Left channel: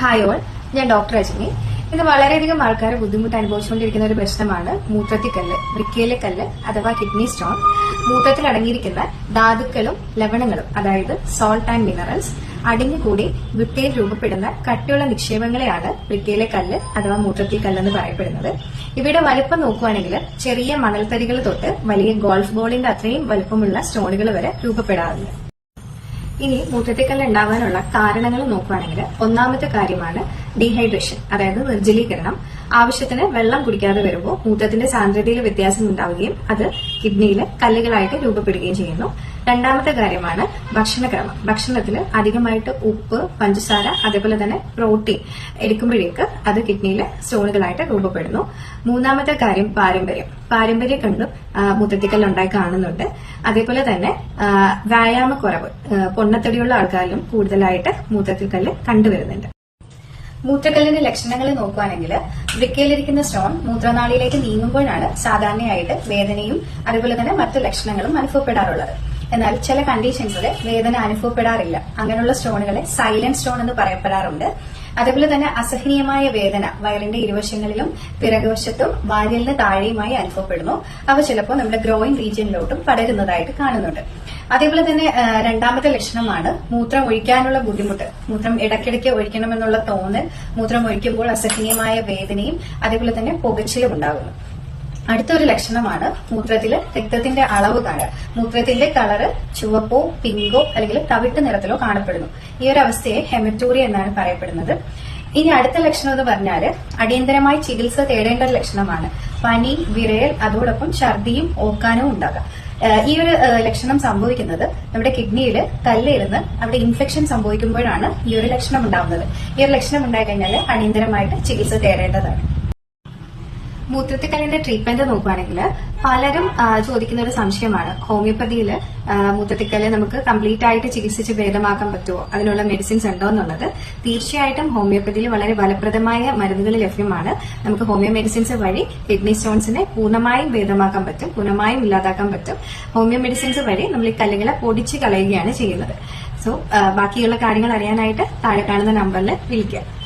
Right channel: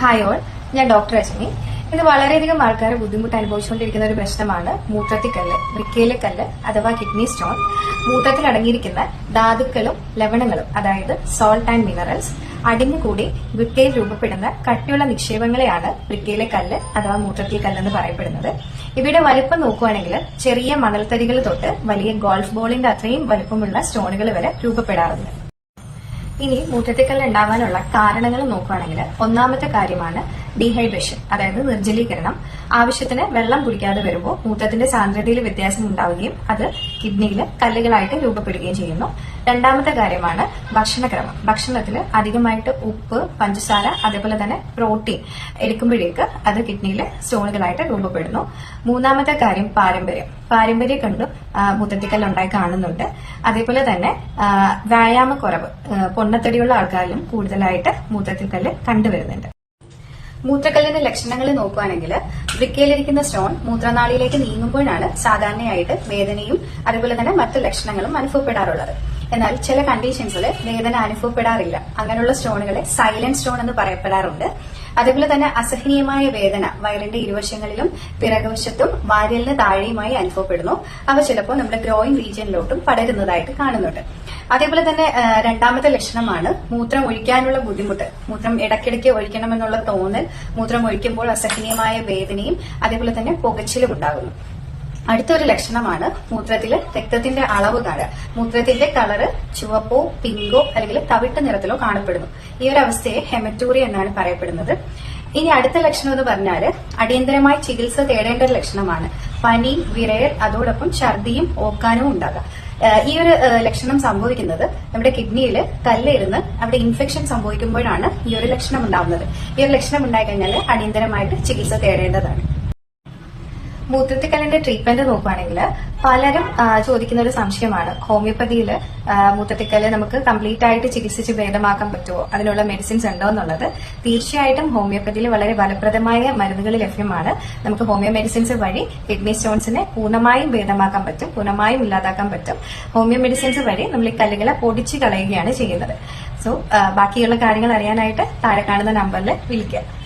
Hi all, ഞാൻ doctor Rajani. ഇത് വളരെയധികം ആൾക്കാർ ബുദ്ധിമുട്ട് അനുഭവിച്ചുകൊണ്ടിരിക്കുന്ന ഒരു പ്രശ്നമാണ് മൂത്രത്തിക്കല്ല്, വൃക്കയിലെ അഥവാ കിഡ്നി സ്റ്റോൺ. മൂത്രത്തിൽ അടങ്ങിയിരിക്കുന്ന ധാതുക്കളും ലവണങ്ങളും, അതായത് സോൾട്ട് ആൻഡ് മിനറൽസ്, അടിഞ്ഞുകൂടി വൃക്കയിൽ രൂപപ്പെടുന്ന കട്ടിയുള്ള നിക്ഷേപങ്ങളെയാണ് വൃക്കയിലെ കല്ല് അഥവാ മൂത്രത്തിൽ കല്ലെന്ന് പറയപ്പെടുന്നത്. ഇവയുടെ വലിപ്പം നോക്കുകയാണെങ്കിൽ ചെറിയ മണൽത്തരികൾ തൊട്ട് വലിയ ഗോൾഫ് ബോളിന്റെ അത്രയും വലിപ്പമുള്ള സ്റ്റോണുകൾ വരെ രൂപപ്പെടാറുണ്ട്. ഇനി മൂത്രത്തിക്കല്ല് ഉണ്ടാകാനുള്ള കാരണങ്ങൾ നോക്കുകയാണെങ്കിൽ ഒന്നാമത്തെ കാര്യമാണ് ഡീഹൈഡ്രേഷൻ, അതായത് നിർജ്ജലീകരണം. ആവശ്യത്തിന് വെള്ളം കുടിക്കാതെ വരുമ്പോൾ മൂത്രത്തിന്റെ സാന്ദ്രതയിൽ വ്യത്യാസം ഉണ്ടാവുകയും അത് കിഡ്നിയിൽ കല്ലുകളായിട്ട് രൂപപ്പെടുകയും ചെയ്യുന്നു. രണ്ടാമത്തെ കാര്യമാണ് ഭക്ഷണക്രമം. ഭക്ഷണത്തിൽ അധികമായിട്ട് ഉപ്പ്, പഞ്ചസാര, അതേപോലെ തന്നെ പ്രോട്ടീൻ എടുക്കുമ്പോഴേക്ക് അത് കിഡ്നിയിൽ സ്റ്റോണുകളായിട്ട് രൂപപ്പെടുന്നു. മൂന്നാമത്തെ കാര്യം പാരമ്പര്യം കൊണ്ടും മൂത്രത്തിക്കല്ല് ഉണ്ടായി കാണുന്നുണ്ട്. അതേപോലെ തന്നെ വ്യായാമക്കുറവ്, പൊണ്ണത്തടിയുള്ള ആൾക്കാരിലും കൂടുതലായിട്ട് മൂത്രത്തിക്കല്ല് കണ്ടുവരുന്നുണ്ട്. മൂത്രക്കല്ലിന്റെ ലക്ഷണങ്ങൾ നോക്കുകയാണെങ്കിൽ വൃക്കയിലിരിക്കുന്ന സ്റ്റോൺ മൂത്രനാളിയിലേക്ക് നീങ്ങുമ്പോഴാണ് സാധാരണയായിട്ട് വേദനയും അതേപോലെ തന്നെ മറ്റു ലക്ഷണങ്ങളും അനുഭവപ്പെടാറുള്ളത്. എന്നാൽ ചില കണ്ടീഷൻസിൽ വേദന അനുഭവപ്പെടാറില്ല. അങ്ങനെയുള്ള സ്റ്റോണുകളെ സൈലന്റ് സ്റ്റോൺ എന്ന് പറയപ്പെടാറുണ്ട്. അതേപോലെ തന്നെ അസഹനീയമായ വേദന വയറിന്റെ ഇരുവശങ്ങളിലും പിറകുവശത്തും വാരിയലിന് താഴെയുമായി അനുഭവപ്പെടുന്നു. അവ ചിലപ്പോൾ നമ്മുടെ ഗ്രോയിങ് റീജിയനിലോട്ടും പടരുന്നതായിട്ട് കാണുന്നുണ്ട്. അതേപോലെ തന്നെ രണ്ടാമത്തെ ലക്ഷണമാണ് മൂത്രം ഒഴിക്കാനുള്ള ബുദ്ധിമുട്ട്. മൂത്രം ഇടയ്ക്കിടയ്ക്ക് ഒഴിക്കണമെന്നുള്ള തോന്നൽ, മൂത്രം ഒഴിക്കുമ്പോൾ അസഹനീയമായ വേദനയും അതേപോലെ തന്നെ പുകച്ചിലും ഉണ്ടാകുന്നു. അടുത്തൊരു ലക്ഷണമാണ് മൂത്രത്തില് രക്തത്തിന്റെ അളവ് കാണുക. മൂത്രത്തിന്റെ കളറ് ചുവപ്പോ പിങ്കോ അല്ലെങ്കിൽ തവിട്ട് നിറത്തിലോ കാണപ്പെടുന്നു. ഈ ഒരു അവസ്ഥയെ ഹെമറ്റൂറിയ എന്നാണ് പറയപ്പെടുന്നത്. ഇനി അടുത്ത ലക്ഷണം എന്ന് പറഞ്ഞാല് അടിയന്തരമായി ചികിത്സ തേടേണ്ട ഒരു ലക്ഷണമാണ് പനി, വിറയൽ, അതോടൊപ്പം ഛർദിയും ഓക്കാനവും ഉണ്ടാകാം. ഈ ഒരു ലക്ഷണം സംഭവിക്കുന്നത് നമ്മുടെ കിഡ്നിയിൽ കല്ലിരുന്ന് അവിടെ ഇൻഫെക്ഷൻ സംഭവിക്കുമ്പോഴാണ് ഈ ഒരു ലക്ഷണം ഉണ്ടാകുന്നത്. ഈ ഒരു ലക്ഷണം ഉണ്ടായിക്കഴിഞ്ഞാൽ അടിയന്തരമായിട്ട് ചികിത്സ തേടേണ്ടതാണ്. മൂത്രത്തിക്കല്ലിന്റെ ട്രീറ്റ്മെന്റ് നോക്കുകയാണെങ്കിൽ പലരും ചോദിക്കുന്ന ഒരു സംശയമാണ് ഹോമിയോപ്പതിയിൽ മൂത്രത്തിക്കല്ല് നമുക്ക് കംപ്ലീറ്റ് ആയിട്ട് ചികിത്സിച്ച് ഭേദമാക്കാൻ പറ്റുമോ, അതിനുള്ള മെഡിസിൻസ് ഉണ്ടോ എന്നുള്ളത്. തീർച്ചയായിട്ടും ഹോമിയോപ്പതിയിൽ വളരെ ഫലപ്രദമായ മരുന്നുകൾ ലഭ്യമാണ്. നമുക്ക് ഹോമിയോ മെഡിസിൻസ് വഴി കിഡ്നി സ്റ്റോൺസിനെ പൂർണ്ണമായും ഭേദമാക്കാൻ പറ്റും, പൂർണ്ണമായും ഇല്ലാതാക്കാൻ പറ്റും. ഹോമിയോ മെഡിസിൻസ് വഴി നമ്മൾ ഈ കല്ലുകളെ പൊടിച്ച് കളയുകയാണ് ചെയ്യുന്നത്. സോ ബാക്കിയുള്ള കാര്യങ്ങൾ അറിയാനായിട്ട് താഴെ കാണുന്ന നമ്പറിൽ വിളിക്കുക.